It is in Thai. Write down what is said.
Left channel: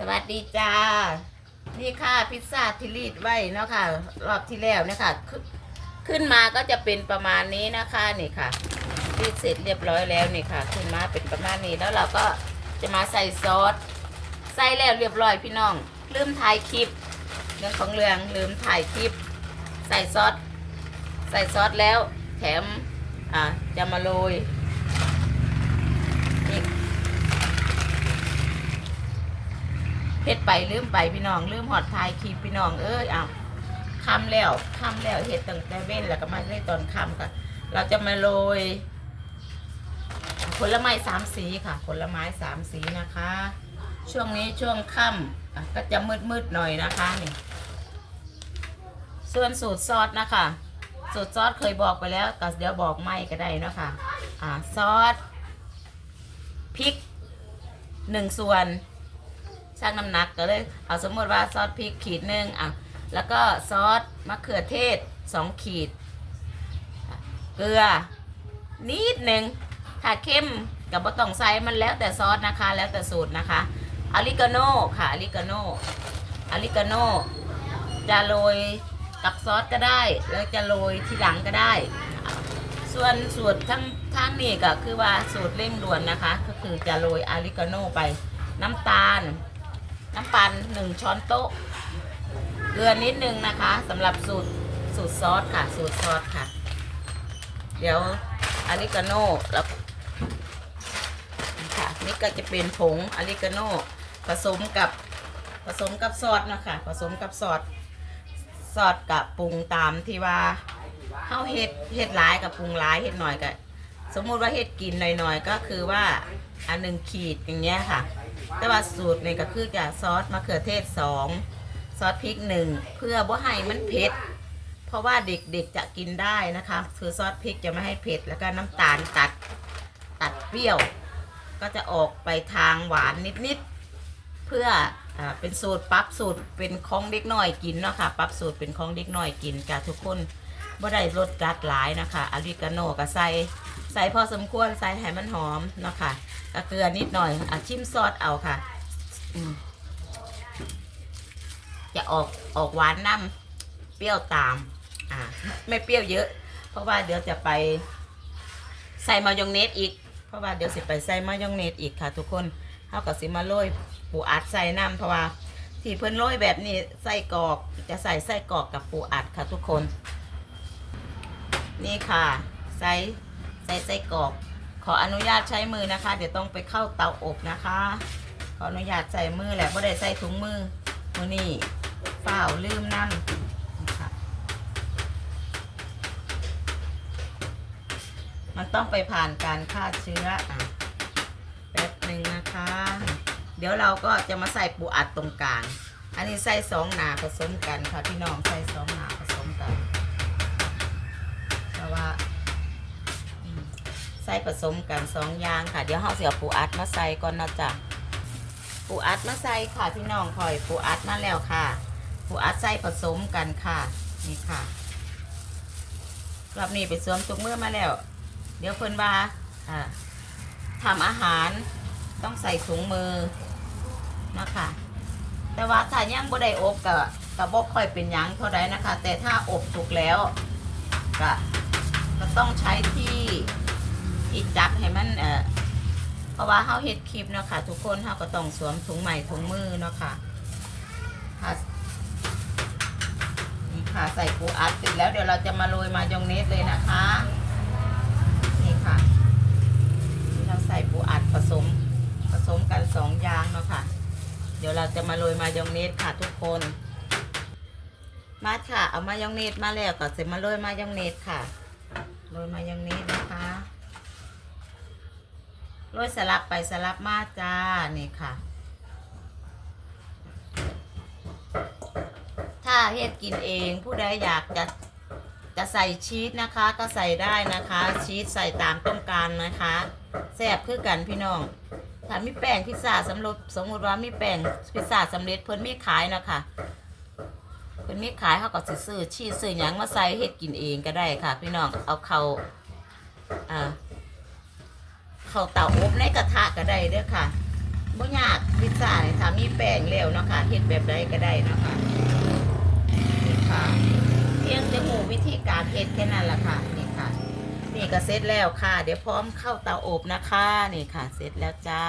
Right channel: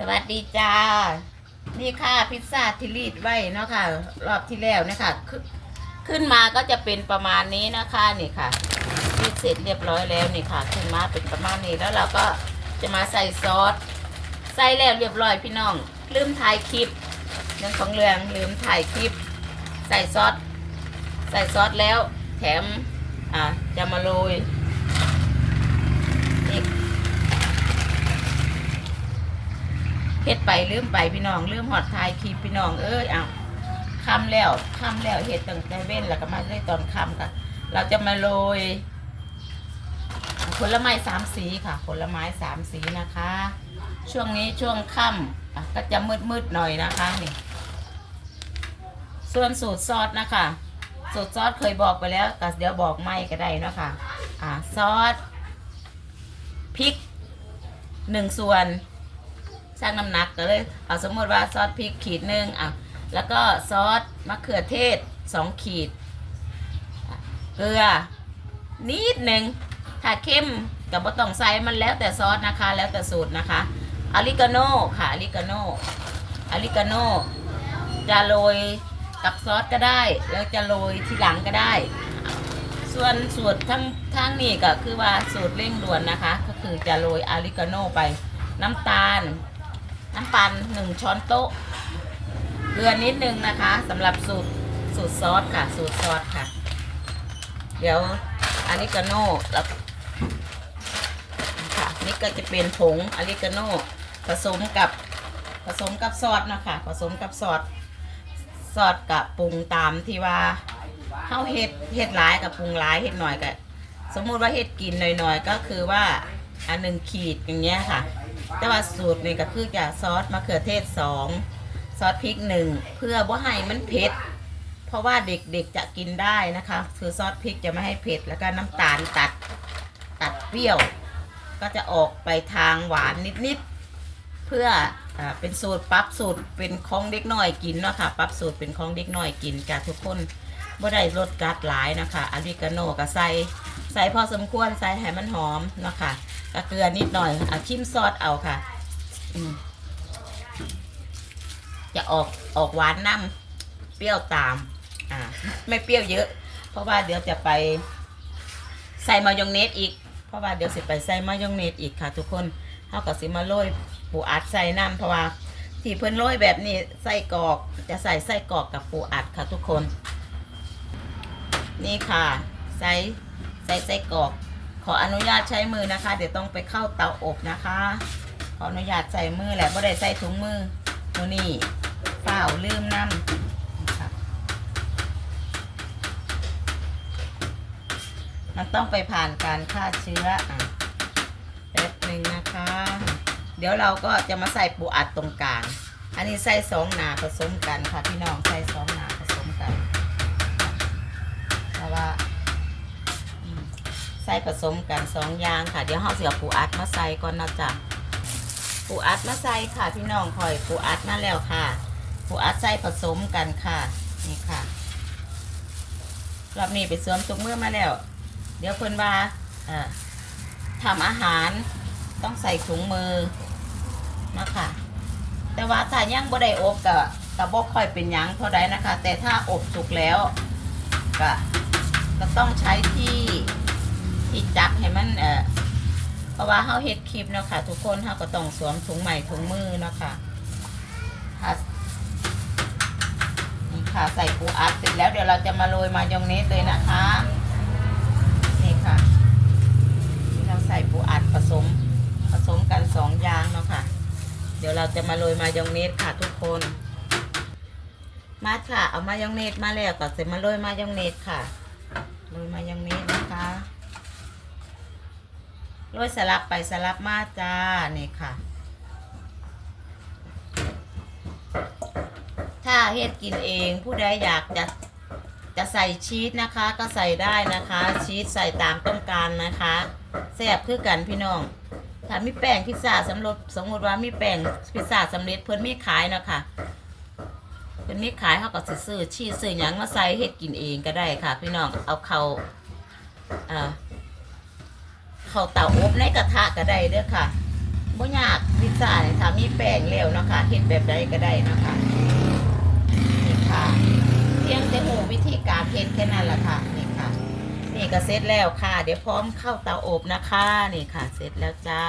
สวัสดีจ้า นี่ค่ะพิซซ่าที่รีดไว้เนาะค่ะ รอบที่แล้วเนี่ยค่ะขึ้นมาก็จะเป็นประมาณนี้นะคะนี่ค่ะรีดเสร็จเรียบร้อยแล้วนี่ค่ะ ขึ้นมาเป็นประมาณนี้แล้วเราก็จะมาใส่ซอสใส่แล้วเรียบร้อยพี่น้อง ลืมถ่ายคลิปเรื่องของเรื่องลืมถ่ายคลิป ใส่ซอสใส่ซอสแล้วแถมอ่าจะมาโรย เฮ็ดไปลืมไปพี่น้องลืมหอดทายคลิปพี่น้องเอ้ยเอาคำแล้วคำแล้วเฮ็ดตั้งแต่เว้นแล้วก็มาได้ตอนคำค่ะเราจะมาโรยผลไม้สามสีค่ะ ผลไม้สามสีนะคะ ช่วงนี้ช่วงค่ำก็จะมืดมืดๆหน่อยนะคะนี่ส่วนสูตรซอสนะคะ สูตรซอสเคยบอกไปแล้วก็เดี๋ยวบอกไม่ก็ได้นะคะอ่าซอสพริกหนึ่งส่วน ชั่งน้ำหนักก็เลยเอาสมมติว่าซอสพริกขีดหนึ่งอะแล้วก็ซอสมะเขือเทศสองขีด เกลือนิดหนึ่งถ้าเข้มกับบ่ต้องใส่มันแล้วแต่ซอสนะคะ แล้วแต่สูตรนะคะอาริกาโน่ค่ะอาริกาโน่อาริกาโน่จะโรยกับซอสก็ได้ แล้วจะโรยทีหลังก็ได้ ส่วนสูตรทั้งทั้งนี้ก็คือว่าสูตรเร่งด่วนนะคะ ก็คือจะโรยอาริกาโน่ไปน้ำตาล น้ำตาหนึ่งช้อนโต๊ะ เกลือนิดนึงนะคะสำหรับสูตรสูตรซอสค่ะ สูตรซอสค่ะ เดี๋ยวอาริกาโน่แล้วค่ะนี่ก็จะเป็นผงอาริกาโน่ผสมกับผสมกับซอสนะคะ ผสมกับซอสซอสกับปรุงตามที่ว่าเข้าเฮ็ดเฮ็ดหลายกับปรุงหลายเฮ็ดหน่อยก็สมมุติว่าเฮ็ดกินหน่อยๆ ก็คือว่าอันหนึ่งขีดอย่างเงี้ยค่ะ แต่ว่าสูตรนี่ก็คือจะซอสมะเขือเทศสองซอสพริกหนึ่งเพื่อว่าให้มันเผ็ดเพราะว่าเด็กๆจะกินได้นะคะ คือซอสพริกจะไม่ให้เผ็ดแล้วก็น้ำตาลตัดตัดเปรี้ยว ก็จะออกไปทางหวานนิดๆเพื่ออเป็นสูตรปรับสูตรเป็นของเด็กน้อยกินเนาะค่ะปรับสูตรเป็นของเด็กน้อยกินจ้ะทุกคน บ่ได้รสจัดหลายนะคะอาริกาโน่ก็ใส่ใส่พอสมควรใส่ให้มันหอมเนาะค่ะก็เกลือนิดหน่อยเอาชิมซอสเอาค่ะจะออกออกหวานน้ำเปรี้ยวตาม อ่า ไม่เปรี้ยวเยอะ เพราะว่าเดี๋ยวจะไปใส่มายองเนสอีก เพราะว่าเดี๋ยวสิไปใส่มายองเนสอีกค่ะ ทุกคนเขาก็สิมาโรยปูอัดใส่น้ำเพราะว่าที่เพิ่นโรยแบบนี้ไส้กรอกจะใส่ไส้กรอกกับปูอัดค่ะทุกคน นี่ค่ะใส่ใส่ไส้กรอกขออนุญาตใช้มือนะคะ เดี๋ยวต้องไปเข้าเตาอบนะคะ ขออนุญาตใส่มือแหละไม่ได้ใส่ถุงมือมือนี่เปล่าลืมนั่นมันต้องไปผ่านการฆ่าเชื้ออะแป๊บหนึ่งนะคะ เดี๋ยวเราก็จะมาใส่ปูอัดตรงกลาง อันนี้ใส่สองหนาผสมกันค่ะพี่น้องใส่สองหนาผสมกัน เพราะ ว่าใส่ผสมกันสองอย่างค่ะ เดี๋ยวเราเสียปูอัดมาใส่ก่อนนะจ๊ะปูอัดมาใส่ค่ะพี่น้องคอยปูอัดมาแล้วค่ะปูอัดใส่ผสมกันค่ะนี่ค่ะรอบนี้ไปสวมถุงมือมาแล้ว เดี๋ยวเพิ่นว่าอ่าทำอาหารต้องใส่ถุงมือมาค่ะ แต่ว่าถ้าย่างบ่ได้อบก็ก็บ่ค่อยเป็นยังเท่าใดนะคะ แต่ถ้าอบสุกแล้วก็ ก็ต้องใช้ที่ที่จับให้มันเอ่อเพราะว่าเขาเฮ็ดคลิปเนาะค่ะ ทุกคนเขาก็ต้องสวมถุงใหม่ถุงมือเนาะค่ะค่ะนี่ค่ะใส่ปูอัดเสร็จแล้วเดี๋ยวเราจะมาโรยมายองเนสเลยนะคะนี่ค่ะที่เราใส่ปูอัดผสมผสมกันสองอย่างเนาะค่ะ เดี๋ยวเราจะมาโรยมายองเนสค่ะทุกคนมาค่ะ เอามายองเนสมาแล้วก็เสร็จมาโรยมายองเนสค่ะ โรยมายองเนสนะคะโรยสลับไปสลับมาจ้านี่ค่ะ ถ้าเฮ็ดกินเองผู้ใดอยากจะจะใส่ชีสนะคะก็ใส่ได้นะคะ ชีสใส่ตามต้องการนะคะแซ่บคือกันพี่น้องถ้ามีแป้งพิซซ่าสำร็จสมมติว่ามีแป้งพิซซ่าสำเร็จเพิ่นมีขายเนาะคะ เป็นมีขายเขาก็สิซื้อชีสซื้อหยังมาใส่เฮ็ดกินเองก็ได้ค่ะ พี่น้องเอาเขาเอ่อเขาเตาอบในกระทะก็ได้เด้อค่ะบ่ยากพิซซ่าเนี่ยค่ะมีแป้งแล้วเนาะค่ะเฮ็ดแบบใดก็ได้เนาะค่ะนี่ค่ะเพียงจะหูวิธีการเฮ็ดแค่นั้นล่ะค่ะนี่ค่ะ นี่ก็เสร็จแล้วค่ะ เดี๋ยวพร้อมเข้าเตาอบนะคะ นี่ค่ะ เสร็จแล้วจ้า